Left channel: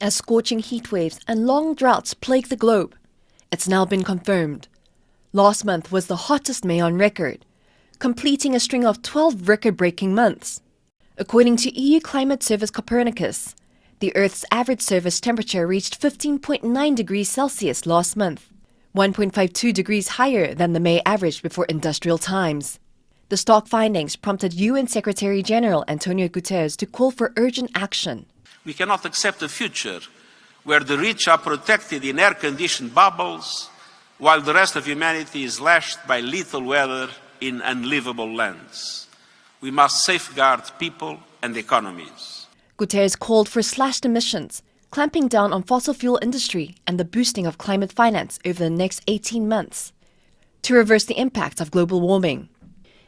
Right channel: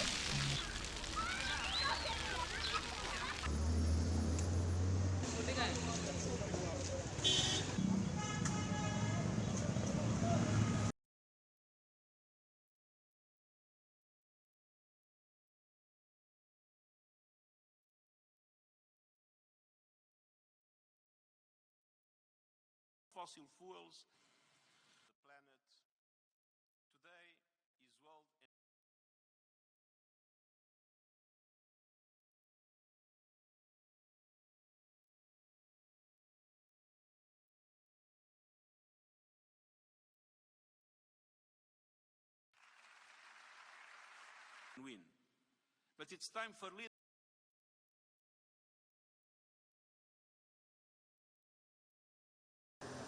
as scorching heat waves and long droughts plague the globe. It's now been confirmed. Last month was the hottest May on record, completing a string of 12 record-breaking months. According to EU Climate Service Copernicus, the Earth's average surface temperature reached 15.9 degrees Celsius last month, 1.52 degrees higher than the May average before industrial times. The stark findings prompted UN Secretary-General Antonio Guterres to call for urgent action. We cannot accept a future where the rich are protected in air-conditioned bubbles, while the rest of humanity is lashed by lethal weather in unlivable lands. We must safeguard people and economies. Guterres called for slashed emissions, clamping down on fossil fuel industry and the boosting of climate finance over the next 18 months to reverse the impacts of global warming.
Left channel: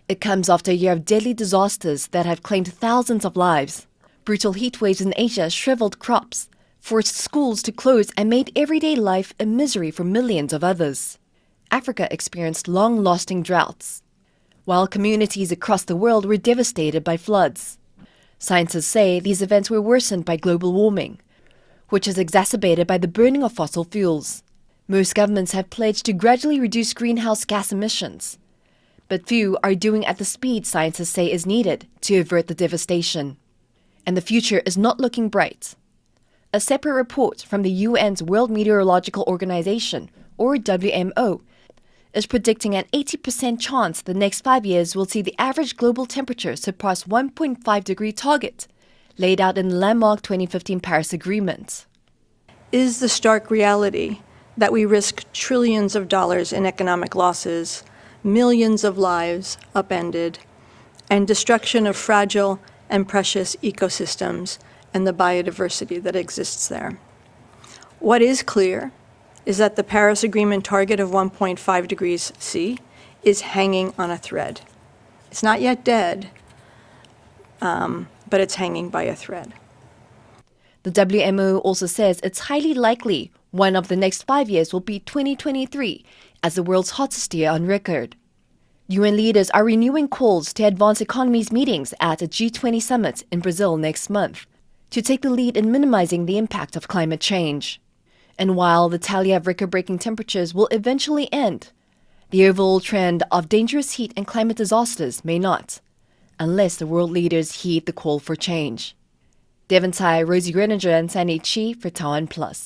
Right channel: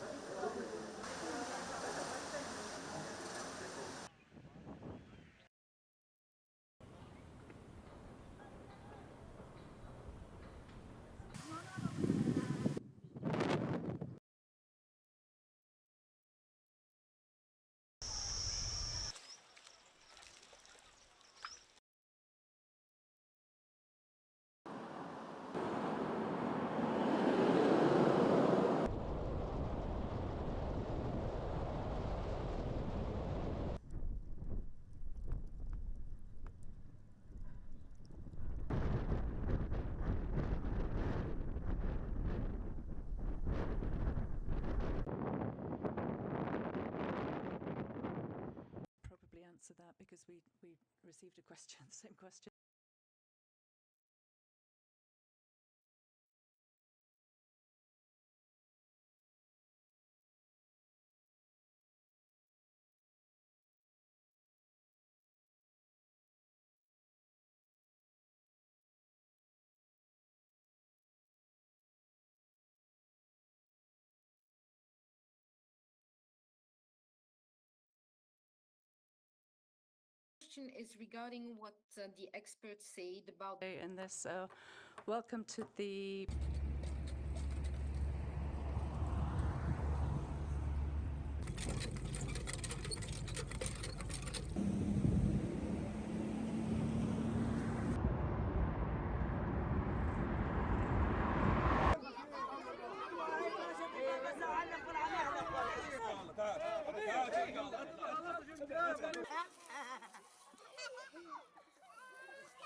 It comes after a year of deadly disasters that have claimed thousands of lives. Brutal heat waves in Asia shriveled crops, forced schools to close and made everyday life a misery for millions of others. Africa experienced long-lasting droughts, while communities across the world were devastated by floods. Scientists say these events were worsened by global warming, which is exacerbated by the burning of fossil fuels. Most governments have pledged to gradually reduce greenhouse gas emissions, but few are doing at the speed scientists say is needed to avert the devastation. And the future is not looking bright. A separate report from the UN's World Meteorological Organization, or WMO, is predicting an 80% chance the next 5 years will see the average global temperature surpass 1.5-degree target, laid out in the landmark 2015 Paris Agreement. Is the stark reality that we risk trillions of dollars in economic losses, millions of lives upended, and destruction of fragile and precious ecosystems and the biodiversity that exists there. What is clear is that the Paris Agreement target of 1.5 degrees C is hanging on a thread. It's not yet dead, but it's hanging by a thread. The WMO also says it's highly likely one of the next 5 years will be 2023 as the world's hottest year on record. UN leaders are renewing calls to advance economies meetings at a G20 summit in Brazil next month to take the lead in minimizing the impact of climate change. And while the tally of record-breaking temperatures will eventually end, the overall trend of dangerous heat and climate disasters may not, unless the world leaders heed the call for change. Devin, Tsai, Rosie, Grenenger and Tsai for TaiwanPlus.